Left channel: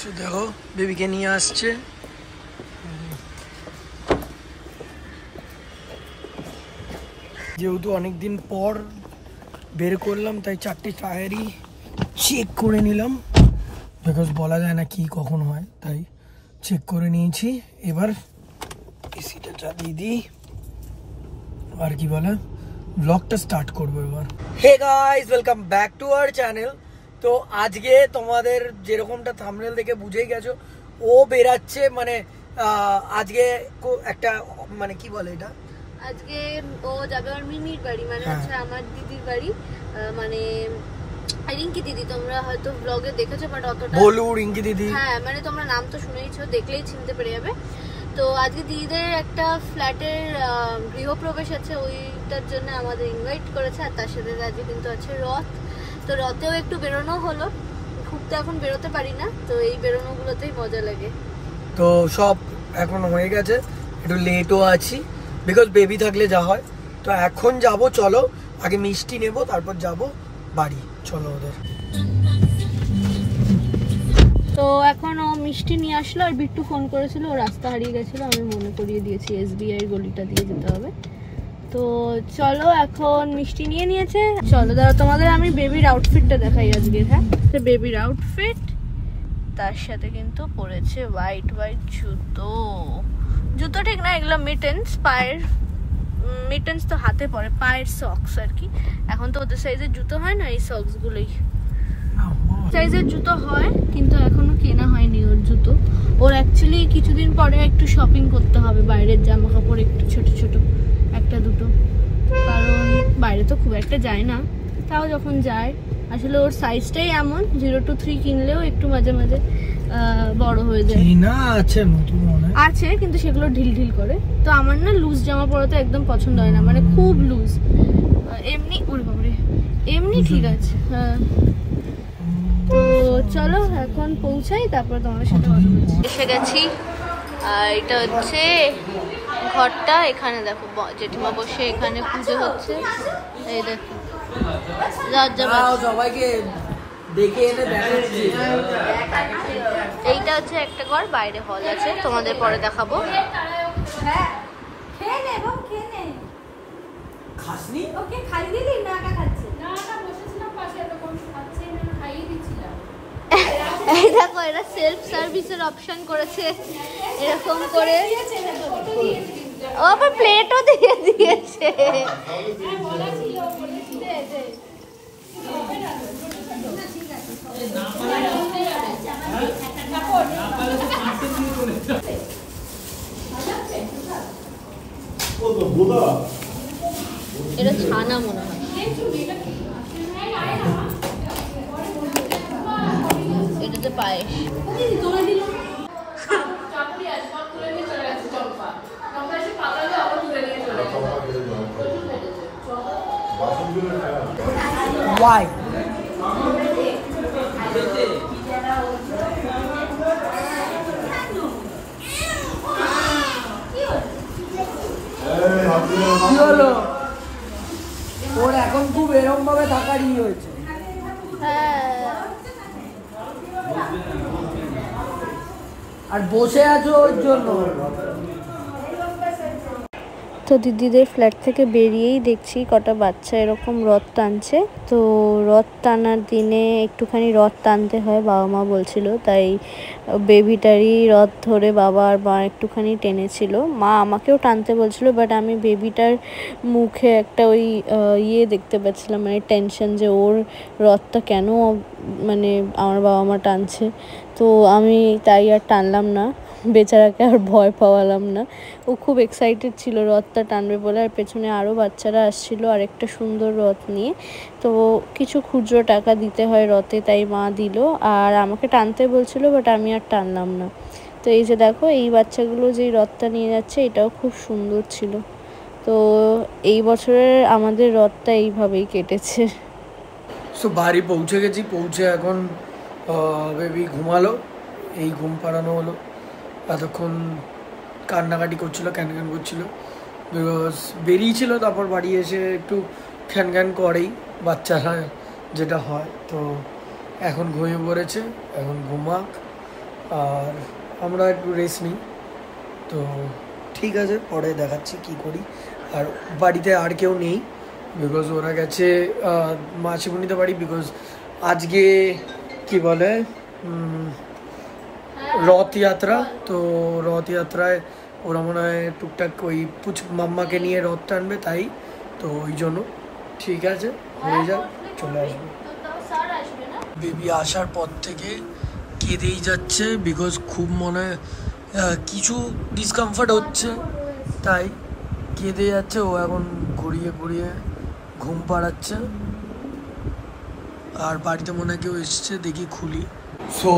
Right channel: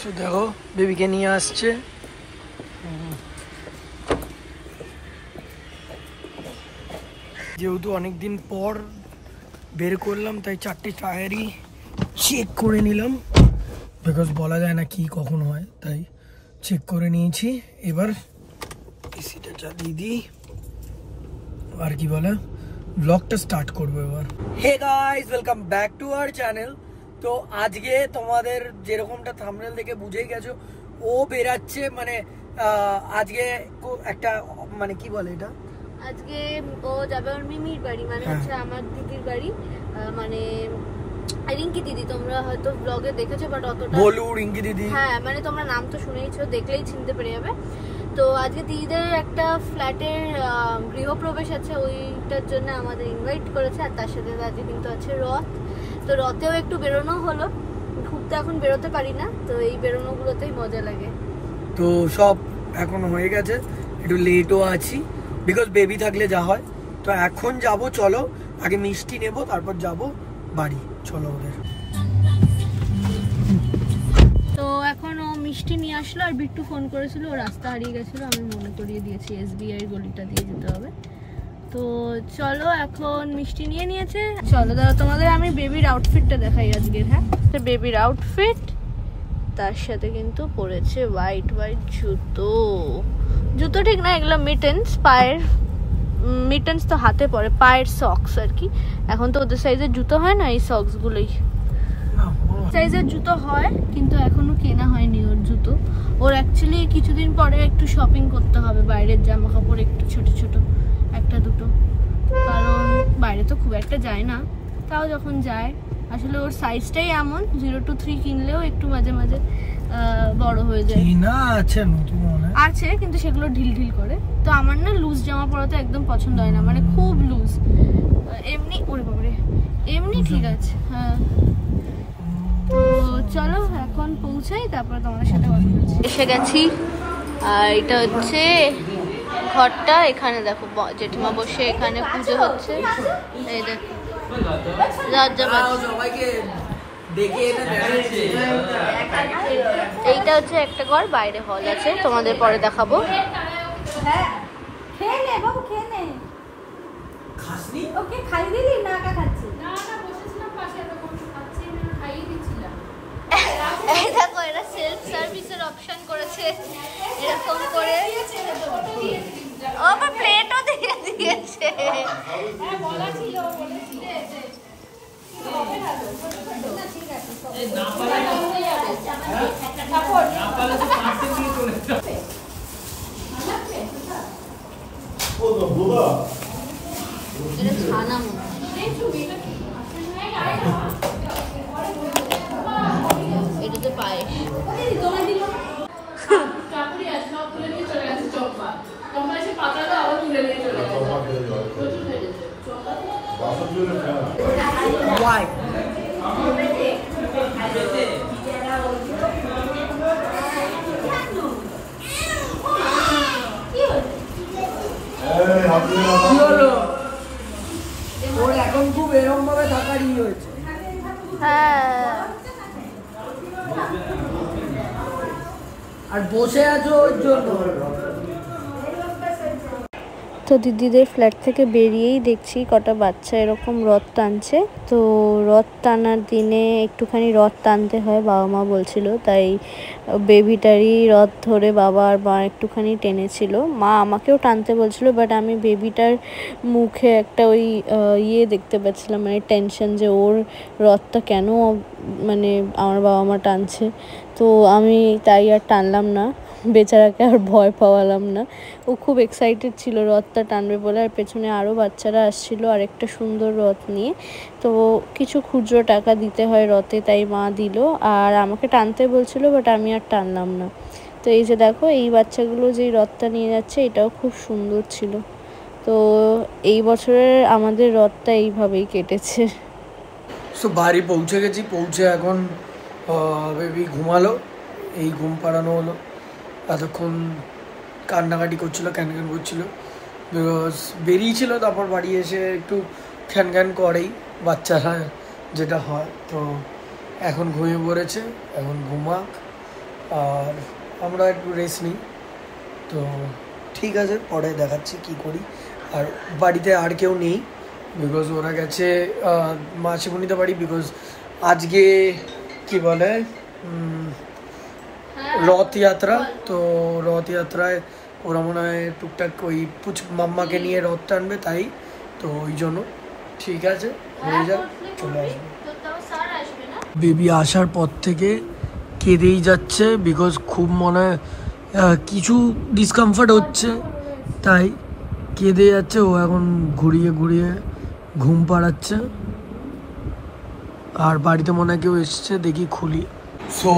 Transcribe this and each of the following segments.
So দেখো বেবিকে নিয়ে আসছে। যেহেতু অনেকদিন পর বের করলাম তাই 4টে টায়ারই চেক করে নিলাম, বিকজ বলা যায় না কি কখন হয়, তাই চেক করে নিয়েছি। এবার এসিটা চালিয়ে দিই আর কি বলে ব্লগটা স্টার্ট করবো এবার। Hey guys, welcome back to our channel. তো আজকে তোমাদের যেরকমটা থাম্বনেল দেখে বুঝেই গেছো, ও বেরাচ্ছে মানে আজকে একটা মানে কি বলে এটা, আজকে ও যাবে ওর মিমির বাড়ি, মানে হচ্ছে আমার দিদির বাড়ি, মানে রিঙ্কি দিদি। তোমরা হয়তো ব্লগে দেখেছো, বাট অতটা বলু রিঙ্কি দিদি, হ্যাঁ মানে তোমরা নাম তো শুনেইছো, দেখলেই চিনতে পেরে যাবে। তো আজকে দিদিদের একটা ফ্ল্যাটের গৃহপ্রবেশ আছে, ওইটার জন্য আমাদের ইনভাইট করেছে। আর তার সাথে আজকে কিন্তু আছে রথ, তো রথেও একটু বেরোনো হলো। খুব তো এখন বেরোতে পারি না, তো এই বেরোনোগুলোতেই মজা লাগে। তো সব এখন হয়ে গেছে, একটু লেটও আছি বিকজ বেবি থাকলে যা হয়। তো এখন যাব, চলো আগে মিষ্টি নেব তারপর যাব বাড়ি, চলো ওদের। তো এখন ও মিষ্টি নিয়ে আসলো, আর বিট্টু ফোন করেছিল, ও রাস্তা হারিয়ে গেছিলো, আমি মনে করিয়ে দিয়েছি SBI গলিটা দিয়ে যেতে হবে। তো চলো এখন মিষ্টি নিয়ে নিয়েছে, চলো দাঁড়া তোমাদের আমি বেবির আউটফিটটা দেখাই আজকে। হ্যাঁ, তো বেবির আউটফিট, তার সাথে কিন্তু পরেছে হোয়াইট হোয়াইট জুতো। জুতো ঠিক না, এগুলো মিটেন্স, পায়ের মিটেন্স তো হাতে পরে, পায়ের সক্স আর কি। এখন তো ওদের সাইজের জুতো হয় না, এই সক্স গুলোই সাইজের জুতো হয়, কিন্তু এখনো কেনা হয়নি ওর জুতো। ওর অ্যাকচুয়ালি কিছুদিন পরে একটু শপিং করতে হবে, বাইরের জামা কাপড় একটু ছোট ছোট একটা দুটো, কারণ বাইরে তো খুব একটা যায় না, তাও যখন যায় আসলে ওর সাইজটাই এমন, 0 to 3 কিনলেও একটু মাঝে মাঝে বড় হয়ে যায়। আছে কিন্তু সেগুলো ঢিল ঢিল করে। তো আমার না লুজ জামা পরাতে একদম পছন্দ হয় না, মানে খুব লুজ। এমনি ওরে বাবারে, এমনি ঠিক আছে। হ্যাঁ, তো চলো এখন পৌঁছাই, তারপর তোমার সাথে কথা বলছি। এসে গেছি, আর এটা হচ্ছে ঘরটা। এখানে দেখো জেঠিমা বসে, এখানে পুজো হচ্ছে। এই দেখো এইটা হচ্ছে একটা ঘর, বাইরে হল আছে, তোমাদের পরে দেখাবো। এই দেখো এরা সেলফ সার্ভিসের অপশন করেছে এরকম করে, ও আবার প্লেটও দিয়ে দিয়েছে। এটা ছানা মনে হয়, এটা তো পায়েস। Why? ওর এখন খুব এরকম ভাবে থাকারই হয়েছে। আর বসে আছো ওর জন্য। তো দিদিদের ফ্ল্যাট থেকে বেরিয়েই দেখছি কটা বাচ্চা এরকম রথ টানছে। তো রথ টানার দিনে একটুখানি রথ টানতে হয়, বাবা মা বলছিল, তাই বেবিটারই রথ ধরে বাবা আর মা একটুখানি টেনেছিল। মা আমাকেও টানতে বলছিল, বাট আমি বেবিটার মুখে একটা ওই ইয়ে দেখতে পাচ্ছিলাম, মানে টেনশন, যে ওর রথটা কেন মানে আমার বাবা মা টানছে। তো আমি তাই আর টানলাম না, বেচারাকে আর ভয় পাওয়ালাম না। ও খুব এক্সাইটেড ছিল রথটা টানবে বলে, আর পেছনে আরও বাচ্চারা আসছিল আর একটা সুন্দর রথ নিয়ে। তো কিছু খুচরো টাকা দিতে হয় রথে, তাই মা দিল, আর আমাকে টানতে বলছিল, বাট আমি আর টানলাম না। তো এই যে দেখো এই বাচ্চাগুলো যেই রথটা নিয়ে যাচ্ছে, এটাও খুব সুন্দর ছিল। তো এই বছরের আমাদের রথটা এইভাবেই কেটেছে। সো বাড়ি পৌঁছে গেছি, পৌঁছে এখন বেবি ঘুমালো, এই ঘুম পাড়ানো হলো। এতক্ষণ কান্নাকাটি করছিল, ক্যান ক্যান করছিল, বিকজ বেরিয়েছিল, তারপর বাড়ি এসে একটু খ্যান খ্যান করেই বাচ্চারা, যেটা হয়। তো এখন ঘুমিয়ে পড়েছে, এখন ঘুমাক, আর আমরা একটু রেস্ট নিই। তো ঠিক আছে, পরে দেখাচ্ছি কি করি। আর বাড়িতে আর কেউ নেই, বিকজ ওরা গেছে মাসিমণিতে বাড়ি, বিকজ আজকে কি বলে রথযাত্রা। তো রথযাত্রায় ওরা মনে হয় টুকটাক ওই মাম্মাকে নিয়ে রথ টানবে, তাই তো ওই জন্য। ঠিক আছে, হয়ে যাক, চলে আসবে। বেবি আসার পর থেকে কেঁদেই যাচ্ছে, বিকজ খুব মনে কিছু ডিসকমফর্ট হচ্ছে, তাই কেঁদে যাচ্ছে। ও এখন ঘুরিয়ে ঘুরিয়ে ঘুম পাড়াচ্ছে। আর বাড়িতে মনে হয় কেউ এসছে, দেখি খুলি। সো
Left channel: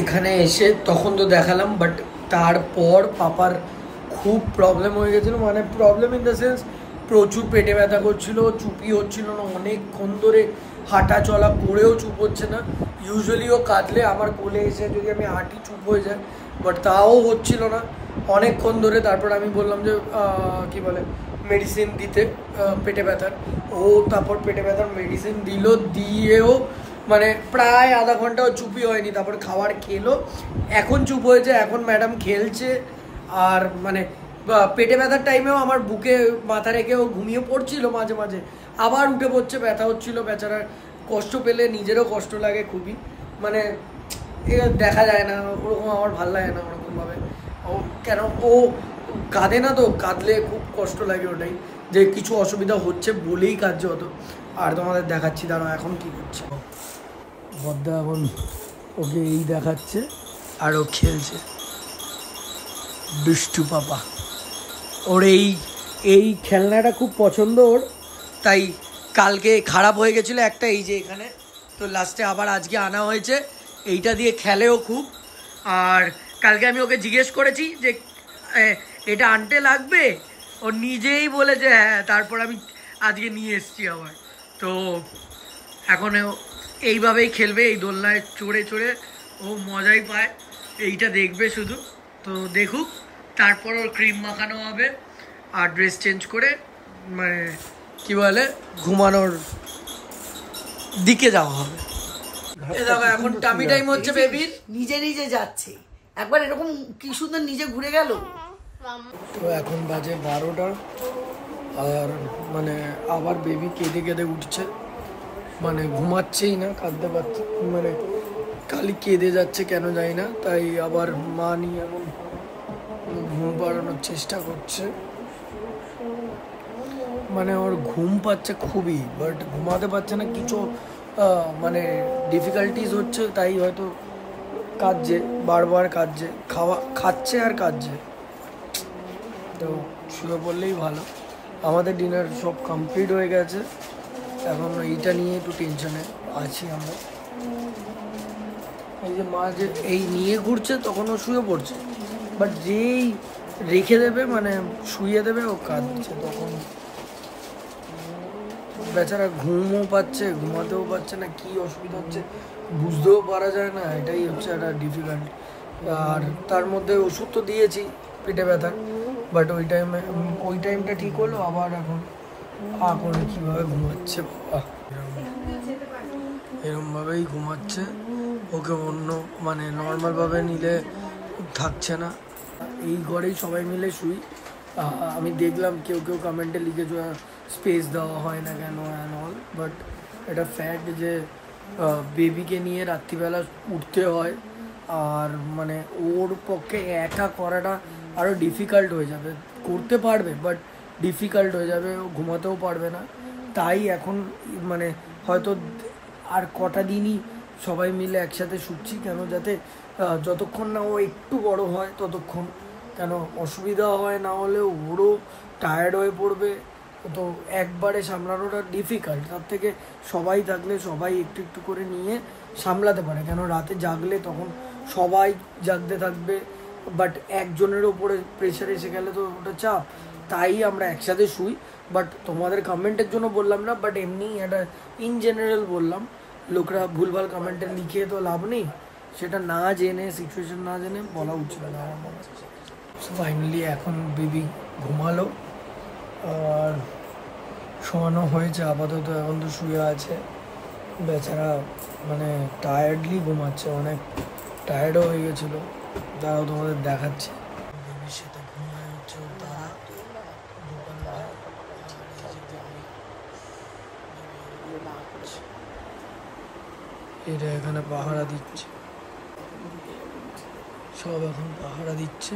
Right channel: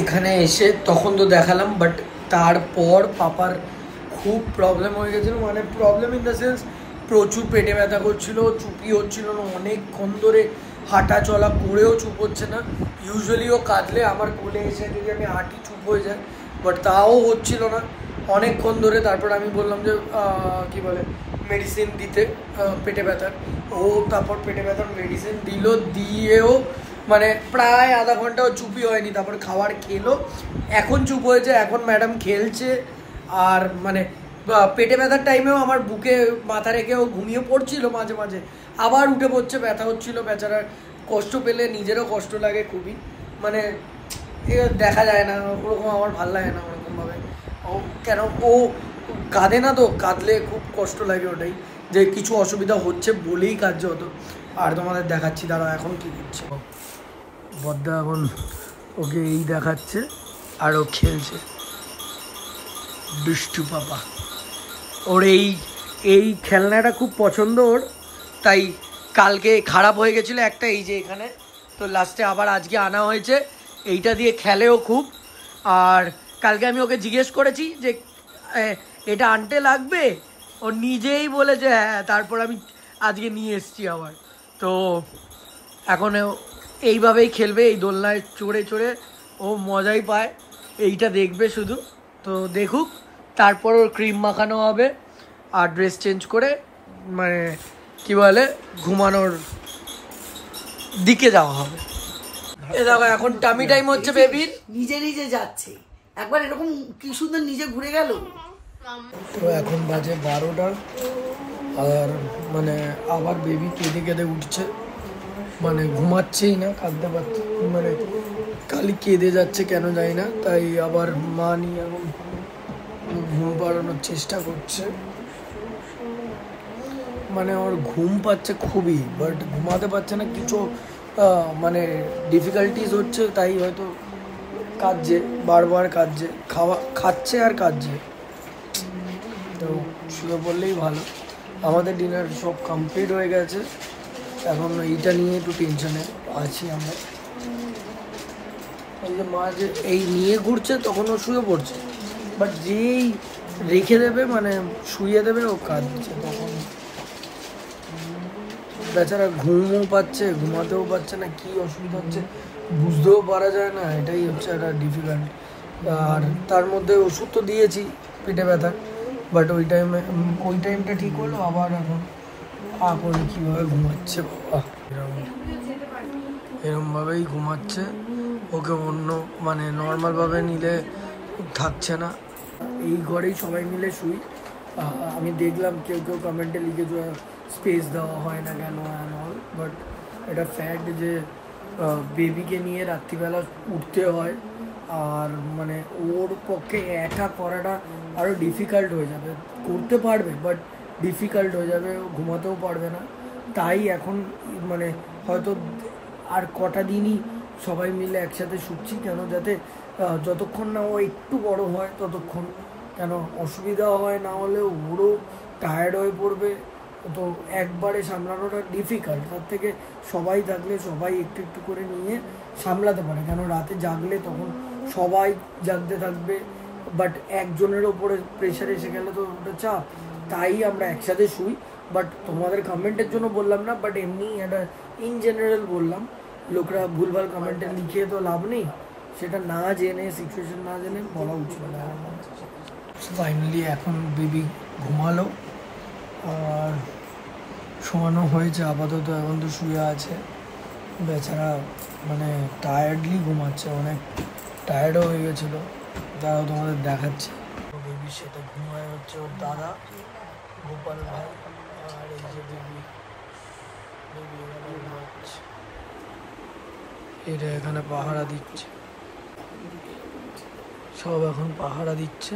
এখানে এসে তখন তো দেখালাম, বাট তারপর পাপার খুব প্রবলেম হয়ে গেছিলো। মানে প্রবলেম ইন দ্য সেন্স প্রচুর পেটে ব্যথা করছিল, চুপি হচ্ছিল না অনেকক্ষণ ধরে, হাঁটা চলা করেও চুপ হচ্ছে না। ইউজুয়ালি ও কাঁদলে আমার কোলে এসে যদি আমি হাঁটি চুপ হয়ে যায়, বাট তাও হচ্ছিল না অনেকক্ষণ ধরে। তারপর আমি বললাম যে কি বলে মেডিসিন দিতে পেটে ব্যথার। ও তারপর পেটে ব্যথার মেডিসিন দিল, দিয়েও মানে প্রায় আধা ঘন্টাও চুপই হয়নি। তারপর খাবার খেলো, এখন চুপ হয়েছে, এখন ম্যাডাম খেলছে। আর মানে পেটে ব্যথার টাইমেও আমার বুকে মাথা রেখেও ঘুমিয়ে পড়ছিল মাঝে মাঝে, আবার উঠে পড়ছে, ব্যথা হচ্ছিল। বেচারার কষ্ট পেলে নিজেরও কষ্ট লাগে খুবই, মানে দেখা যায় না ওরকম, আমার ভাল লাগে না ওরকমভাবে। ও কেন ও কাঁদে না, তো কাঁদলে খুব কষ্ট লাগে, ওটাই যে কিছু অসুবিধা হচ্ছে বলেই কার্য হতো। আর তোমাদের দেখাচ্ছি, দাঁড়াও এখন কি করছে বদ্দা। এখন ওকে এই দেখাচ্ছে আর ও খেলছে, দুষ্টু পাপা। ওর এই খেলনাটা খুব পছন্দ ওর, তাই কালকে খারাপ হয়ে গেছিলো একটা, এই যে এখানে, তো লাস্টে আবার আজকে আনা হয়েছে। এইটা দিয়ে খেলেও খুব। আর কালকে আমি ওকে জিজ্ঞেস করেছি যে এটা আনতে লাগবে, ও নিজেই বলেছে হ্যাঁ। তারপর আমি আজকে নিয়ে এসছি আবার। তো এখন এইভাবেই খেলবে, এই দোলনায় চড়ে চড়ে ও মজাই পায়, এইটা দেখবে শুধু। তো দেখুক, তারপর ওর ক্রিম মাখানো হবে আর ড্রেস চেঞ্জ করে মানে কি বলে ঘুমানোর দিকে যাওয়া হবে। এ দেখো এখন টামি টাইম হচ্ছে বেবির, নিজে নিজে যাচ্ছে, একবার এরকম কি সুন্দর নিজে ঘুরে গেল। তো এখন বাজে 12টা, আর মানে আবার বেবি কেঁদে কেঁদে উঠছে, মানে ঘুমাচ্ছেই না, কাঁদতে পারছে, মানে খালি কেঁদে যাচ্ছে কেন জানি না। তাই আবার মা নিয়ে এখন ঘুম পাড়ানোর চেষ্টা করছে। মানে ওর ঘুম পাচ্ছে খুবই, বাট ঘুমাতে পারছে না, কিছু মানে ডিফিকাল্টিস হচ্ছে, তাই হয়তো কাঁদছে, বারবার কাঁদছে, খাচ্ছে আর কাঁদছে। তো শুয়ে পড়লেই ভালো। আমাদের ডিনার সব কমপ্লিট হয়ে গেছে, এখন এইটা নিয়ে একটু টেনশনে আছি আমরা। এই যে মা যে এই নিয়ে ঘুরছে, তখন ও শুয়ে পড়ছে, বাট যেই রেখে দেবে মানে শুয়ে দেবে ও কাঁদছে, তখন বেচারা ঘুমও পাচ্ছে, ঘুমাতেও পারছে না, কি অসুবিধা হচ্ছে বুঝতেও পারা যায় না, এটাই হচ্ছে একটা ডিফিকাল্ট। আর তার মধ্যে ওষুধ তো দিয়েছি পেটে ব্যথা, বাট ওই টাইমটা ঠিক হলো, আবার এখন কীভাবে ঘুমাচ্ছে বাবা, এরকমভাবেই ঘুমাচ্ছে। ওকে অন্য মানে নর্মালভাবে নিলে থাকছে না। এই ঘরেই সবাই মিলে শুই। আমি দেখলাম কেউ কেউ কমেন্টে লিখেছে স্পেস দেওয়া হয় না কেন অ্যান্ড অল, বাট এটা ফ্যাক্ট যে বেবিকে নিয়ে রাত্রিবেলা উঠতে হয়, আর মানে ওর পক্ষে একা করাটা আরও ডিফিকাল্ট হয়ে যাবে। করতে পারবে বাট ডিফিকাল্ট হয়ে যাবে, ও ঘুমাতেও পারবে না। তাই এখন মানে হয়তো আর কটা দিনই সবাই মিলে একসাথে শুচ্ছি, কেন যাতে যতক্ষণ না ও একটু বড় হয় ততক্ষণ কেন অসুবিধা হয়, না হলে ওরও টায়ার্ড হয়ে পড়বে। তো একবারে সামলানোটা ডিফিকাল্ট, তার থেকে সবাই থাকলে সবাই একটু একটু করে নিয়ে সামলাতে পারে। কেন রাতে জাগলে তখন সবাই জাগতে থাকবে, বাট একজনের ওপরে প্রেশার এসে গেলে তো ওটা চাপ। তাই আমরা একসাথে শুই। বাট তোমাদের কমেন্টের জন্য বললাম না, বাট এমনি একটা ইন জেনারেল বললাম। লোকরা ভুলভাল কমেন্টে লিখে তো লাভ নেই, সেটা না জেনে সিচুয়েশন না জেনে বলা উচিত না আমার মনে হচ্ছে। ফাইনালি এখন বেবি ঘুমালো আর শোয়ানো হয়েছে আপাতত, এখন তো শুয়ে আছে বেচারা, মানে টায়ার্ডলি ঘুমাচ্ছে, অনেক টায়ার্ডও হয়ে গেছিল, তারাও তোমাদের দেখাচ্ছে। বেবির সাথে ঘুমায় হচ্ছে ওর দাদা গোপাল ভাই, আর এই যে বেবি, এরা এখানে পাহারা দিচ্ছে, সব এখন পাহারা দিচ্ছে।